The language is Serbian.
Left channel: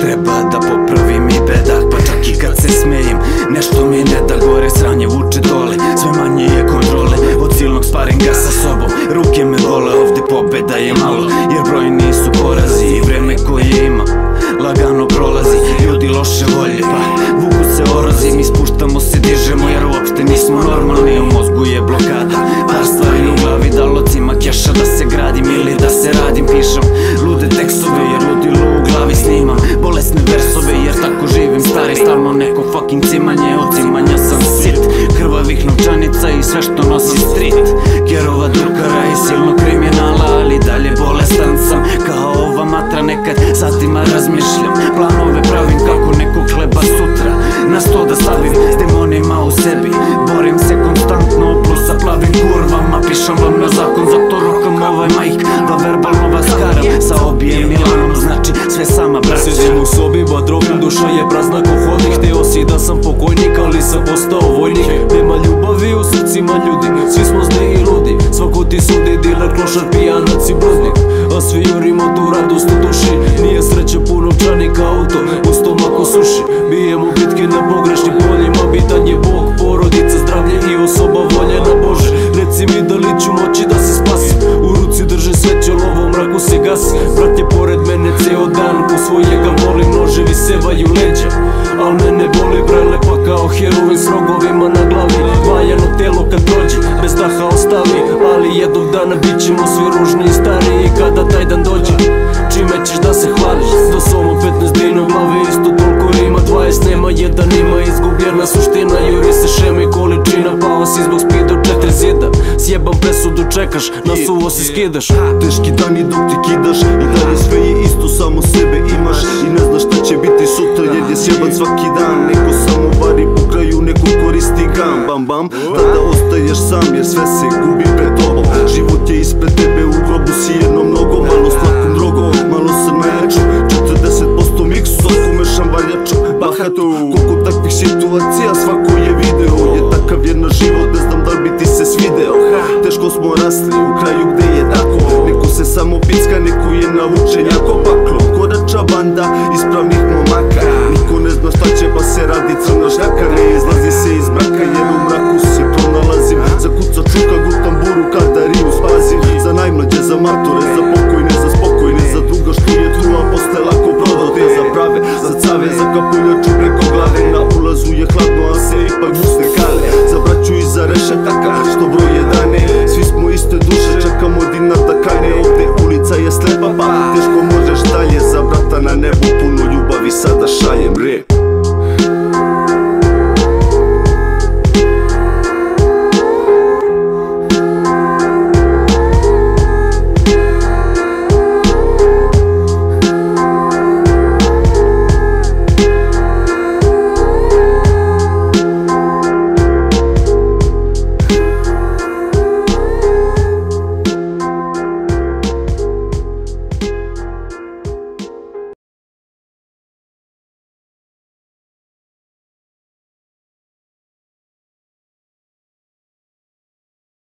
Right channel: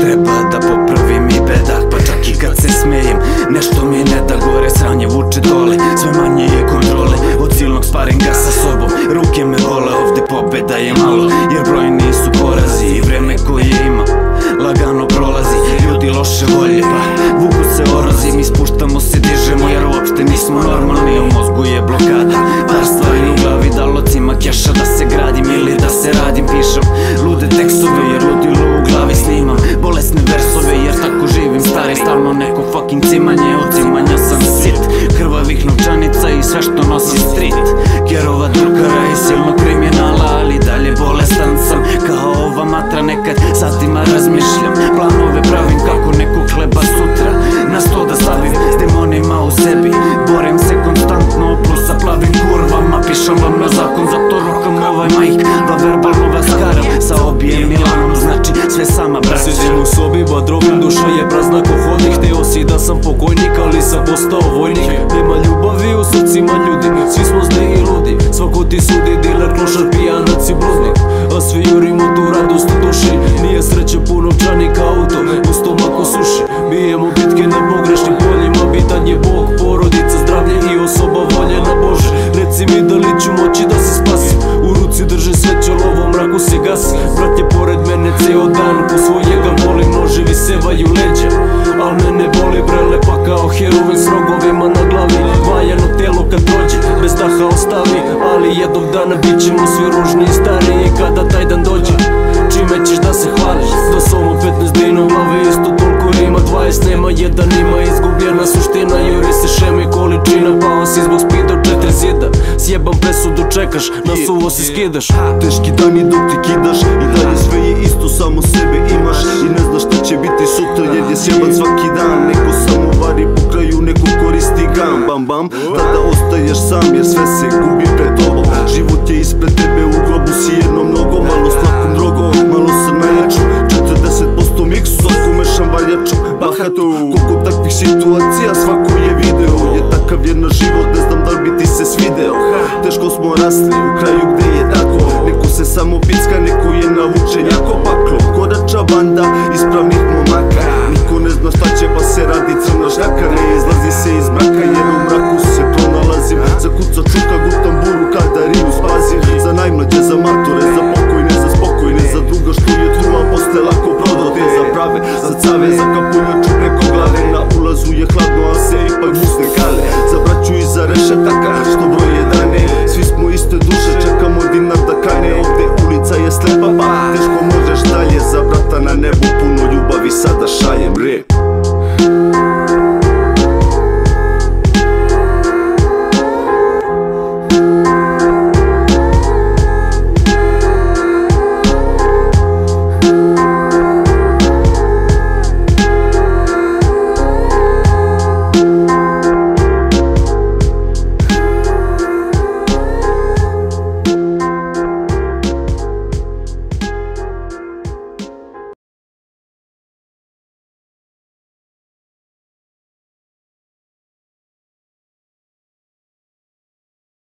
treba da popravim i bedak. Pa čak i kad se smejem, nešto mi ne da gore. Sranje vuče dole, sve manje je kontrole. Od silnog sparinga sa sobom, ruke me bole. Ovde pobeda je malo, jer brojni su porazi. I vreme koje ima lagano prolazi. Ljudi loše volje, pa vuku se orozi. Mi spuštamo se, dižemo, jer uopšte nismo normalni. U mozgu je blokada, par stvari u glavi. Da locima keša da se gradim ili da se radim. Pišem lude tekstove, jer ludilo u glavi snimam. Bolesne versove, jer tako živim stari. Stalno neko fucking cimanje, od cimanja sam sit. Krvavih novčanica i sve što nosi street. Kerova drukara i silnog kriminala, ali dalje bolestan sam. Kao ova matra, nekad satima razmišljam. Planove pravim kako nekog hleba sutra na sto da stavim s demonima u sebi. Borim se konstantno, plus sa plavim kurvama. Pišem vam na zakon, zato rokam ovaj majk. Da verbalno vas karam sa obijem Milanom. Znači sve sama braća. Sedim u sobi, badrovim, duša je prazna ko hodnik. Hteo si da sam pokojnik, ali sam postao vojnik. Nema ljubavi u srcima ljudi, svi smo zli i ludi. Svako ti sudi, diler, klošar, pijanac i bludnik. A svi jurimo tu radost u duši. Nije sreća pun novčanik auto, u stomaku suši. Bijemo bitke na pogrešnim poljima. Bitan je Bog, porodica, zdravlje i osoba voljena. Bože, reci mi da li ću moći da se spasim. U ruci drže sveće, lovo mraku se gasi. Brat je pored mene ceo dan, ko svojega volim. Noževi sevaju leđa, al mene boli brele. Pa kao heroin s rogovima na glavi. Valjano telo kad prođe, bez daha ostavi. Ali jednog dana bit ćemo svi ružni i stariji. Kada taj dan dođe, čime ćeš da se hvališ? Da somo 15 dina glave, isto toliko rima. 20 nema, jedan ima, izgubljena suština. Juri se šema i količina, pao si zbog speeda u 4 zida. Sjebam presudu, čekaš, na suvo se skidaš. Teški dani dok ti kidaš, i dalje sve je isto, samo sebe imaš. I ne znaš šta će biti sutra, jer je sjeban svaki dan. Neko samo vari po kraju, neko koristi gam. Bam bam, tada ostaješ sam, jer sve se gubi pred tobom. Život je ispred tebe, u grobu si jednom nogom. Malo s lakom drogom, malo sam najjačom. 40% miksu, svako mešam valjačom. Bahatu, koliko takvih situacija, svako je video. Je takav je na život, ne znam da li bi ti se svideo. Teško smo rasli u kraju gde je tako. Neko se samo picka, neko je navučen jako paklo. Kodača banda ispravnih momaka. Niko ne zna šta će pa se radi crna šljaka. Ne izlazi se iz mraka jer u mraku se pronalazim. Za kuca čuka gutam buru kada riju spazim. Za najmlađe, za matore, za pokojne, za spokojne. Za druga što je tu, a posle lako prodate. Za prave, za cave, za kapuljaču preko glave. Na ulazu je hladno, a se ipak musne kale. Za braću i za rešetaka što broje dane. Svi smo iste duše, čekamo dinar da kane. Ovde ulica je slepa, pa teško možeš dalje. Za brata na nebu puno ljubavi sada šaljem rep.